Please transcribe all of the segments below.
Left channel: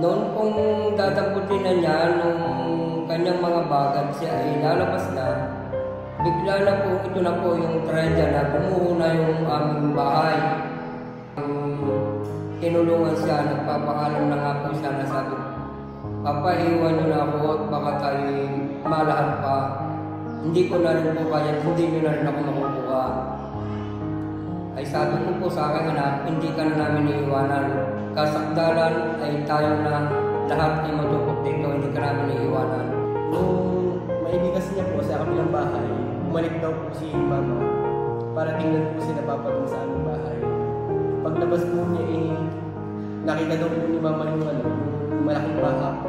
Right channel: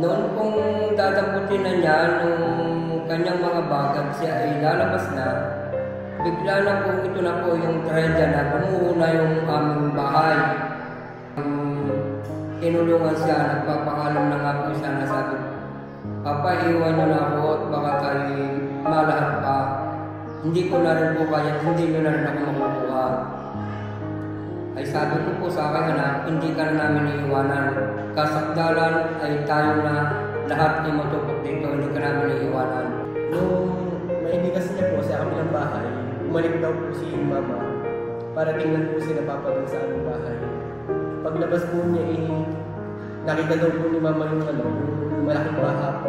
Noon pong dadamputin na niya nung kanyang mga bagag siya ay lalabas na, bigla na po ito na po yung trendya na bumuho na yung aming bahay. Tinulungan siya, nagpapaalam na nga po siya na sabi, Papa, iwan niyo na ako at baka kayo malahat pa. Hindi ko na rin po kaya, hindi niyo na rin ako makukuha. Ay sabi ko po sa akin, anak, hindi ka na namin iiwanan. Kasakdalan ay tayo na lahat ay matupok dito, hindi ka namin iiwanan. Nung maibigas niya po sa kabilang bahay, bumalik daw po si Mama para tingnan po si Papa dun sa aming bahay. Paglabas po niya nakita daw po ni Mama yung malaking baha po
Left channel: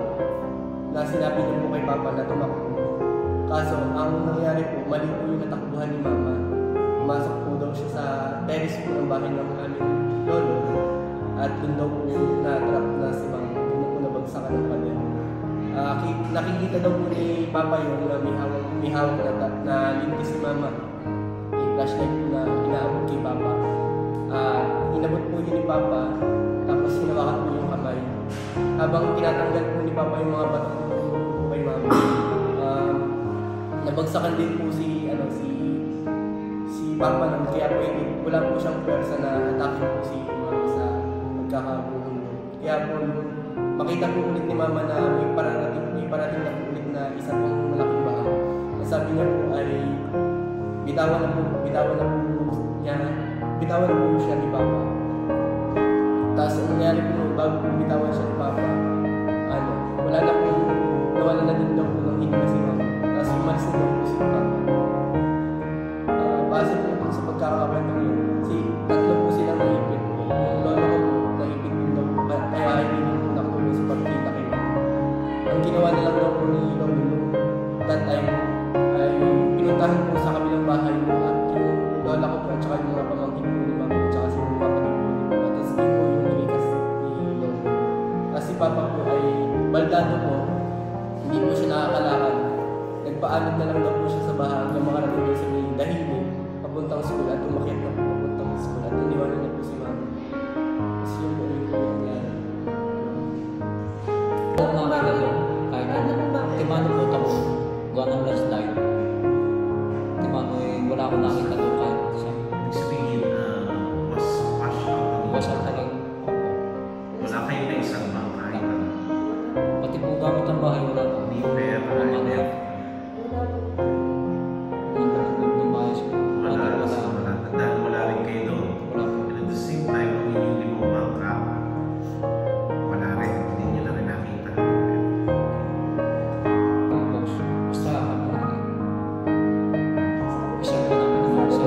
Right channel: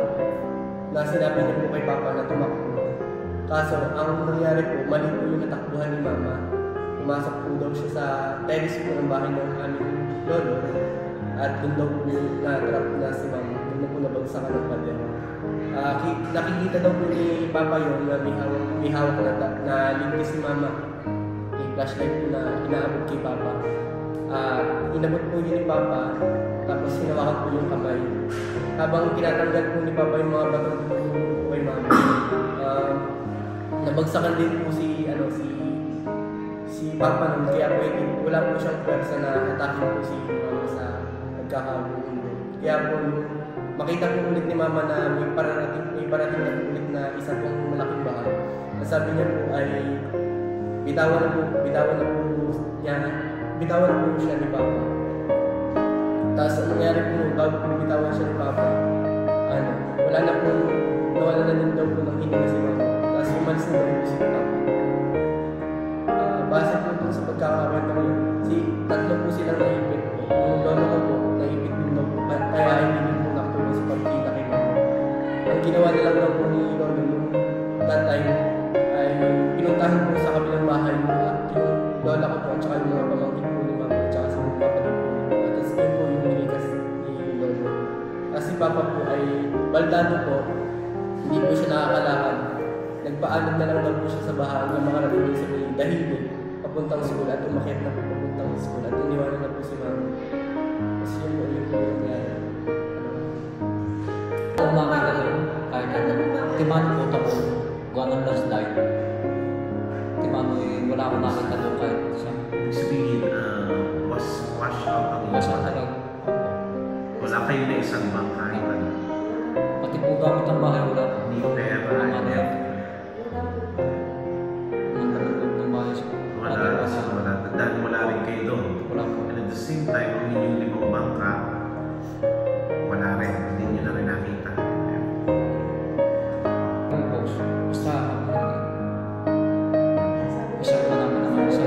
na sinabi niya po kay Papa na tumakbo. Kaso ang nangyari po, mali po yung natakbuhan ni Mama. Pumasok po daw siya sa terrace po ng bahay ng aming lolo at dun daw po na-trap na si Mama. Dun na po nabagsakan ng pader. Nakikita daw po ni Papa yun na may hawak na lintis si Mama. May flashlight po na inaabot kay Papa. Inabot po yun ni Papa, tapos hinawakan po yung kamay. Habang tinatanggal po ni Papa yung mga bato po kay Mama, nabagsakan din po si Papa nun, kaya po wala po siyang pwersa na atakin po si Mama sa magkakabuhong nun. Kaya po makita po ulit ni Mama na may parating na po ulit na isa pong malaking baha. Sabi niya po ay bitawan na po siya ni Papa. Tapos ang nangyari po bago po bitawan siya ni Papa, nawala na din daw po ng hininga si Mama. Tapos umalis na daw po si Papa. Base po dun sa pagkakakwento ko yun, tatlo po silang naipit po. Yung lolo ko po, naipit din daw po, kaya hindi din po nakatulong sa pagkita kay Mama. Ang ginawa na lang daw po ni lolo that time ay pinuntahan po sa kabilang bahay yung lola ko po at saka yung mga pamangkin po ni Mama at saka si kapatid po ni Mama. Tapos yun po yung nilikas ni lolo. Tapos si Papa po ay baldado po, hindi po siya nakakalakad. Nagpaalam na lang daw po siya sa bahay hanggang makarating doon sa may dahili papuntang school at umakyat na po papuntang school at iniwanan na po si Mama. Tapos yun po yung nangyari. Makita doon, kahit timano po tamo, gawa ng last light. Timano wala akong nakita doon kahit siya. Ibig sabihin, wash out ang wash out talaga. Wala kayo na isang bang kahit ano. Pati po gamit ang bahay, wala po. Hindi pera, hindi. Wala. Dahil wala rin kayo doon. Wala po. And at the same time, kung yung limang bangka, wala rin. Hindi nyo na rin nakita. Basta isa po namin naman sa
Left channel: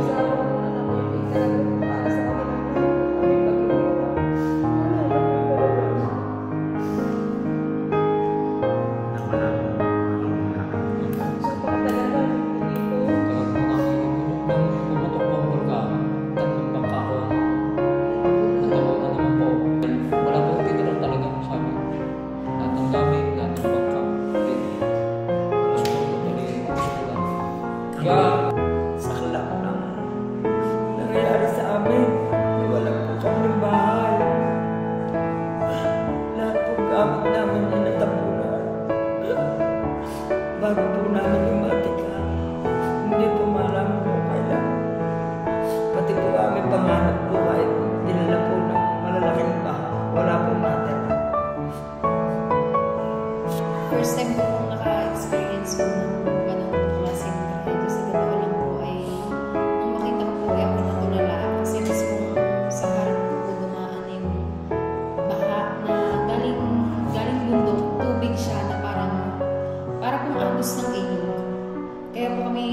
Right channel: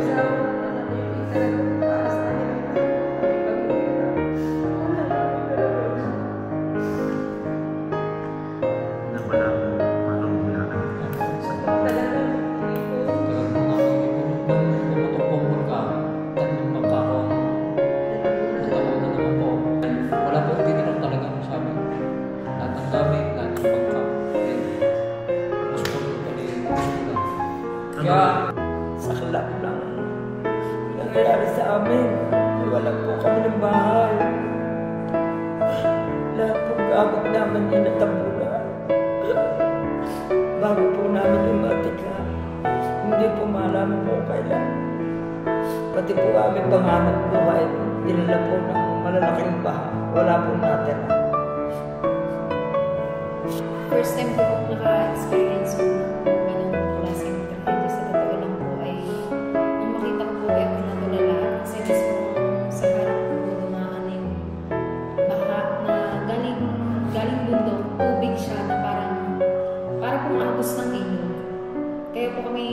kaya saklap ng nangyayari sa amin. Nawalan po kami ng bahay. Lahat po gamit namin inatabunan. Bago po namin lumatika, hindi po malaman po kailan. Pati po aming panganap buhay, dinala po ng malalaking baha. Wala po natira. First time ko pong naka-experience po ng ganong klaseng tragedya. Sa totoo lang po ay nung makita ko po ay ako natulala kasi mas kung sa harap ko po dumaan yung baha na galing bundok, tubig siya na para pong agos ng ilog. Kaya po kami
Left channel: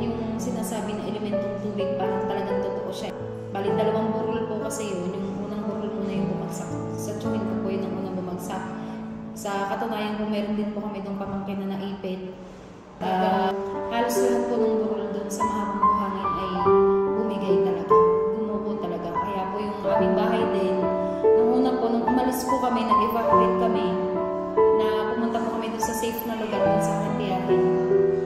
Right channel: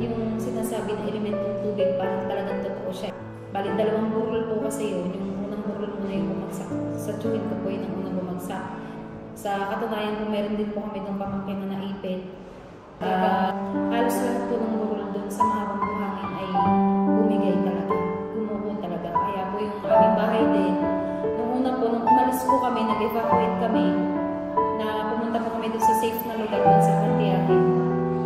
yung sinasabi na elementong tubig parang talagang totoo siya. Bali, 2 burol po kasi yun. Yung unang burol muna yung bumagsak. Sa tsuhin ko po yun ang unang bumagsak. Sa katunayan po, meron din po kami nung pamangkin na naipit. Halos lahat po ng burol doon sa mahabang buhangin ay bumigay talaga. Gumuko talaga. Kaya po yung aming bahay din. Nung una po, nung umalis po kami, nag-evacuate kami, na pumunta po kami doon sa safe na lugar doon sa Kantiyahin.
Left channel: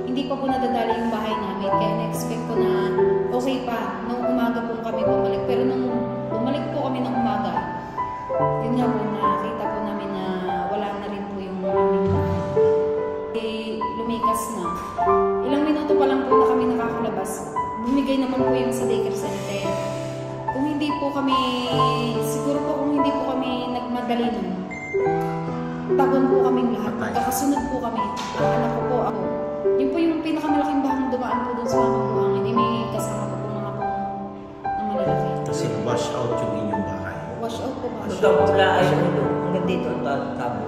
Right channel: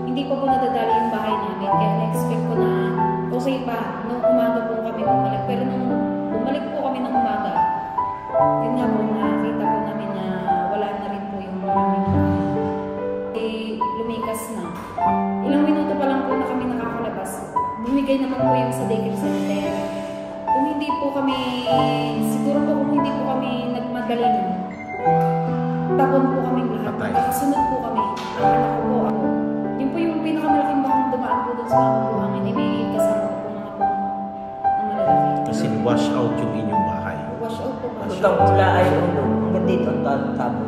Hindi pa po nadadali yung bahay namin. Kaya na-expect ko na okay pa. Nung umaga po kami bumalik. Pero nung bumalik po kami ng umaga, Yun nga po, nakita po namin na wala na rin po yung aming lumikas na. Ilang minuto pa lang po na kami nakakalabas. Bumigay naman po yung sa daycare center. Kung hindi po kami, siguro po kung hindi po kami nagmadali nun, tapon po kami lahat. Magkakasunod po kami. Ang anak ko po, ako. Yun po yung pinakamalaking bahang dumaan po dun sa mga buhangin. Eh, may kasama po mga po na malalaki. Kasi wash out yung inyong bahay. Wash out po ba? Gusto ko wala ay ulo. Hanggang dito ang tabo.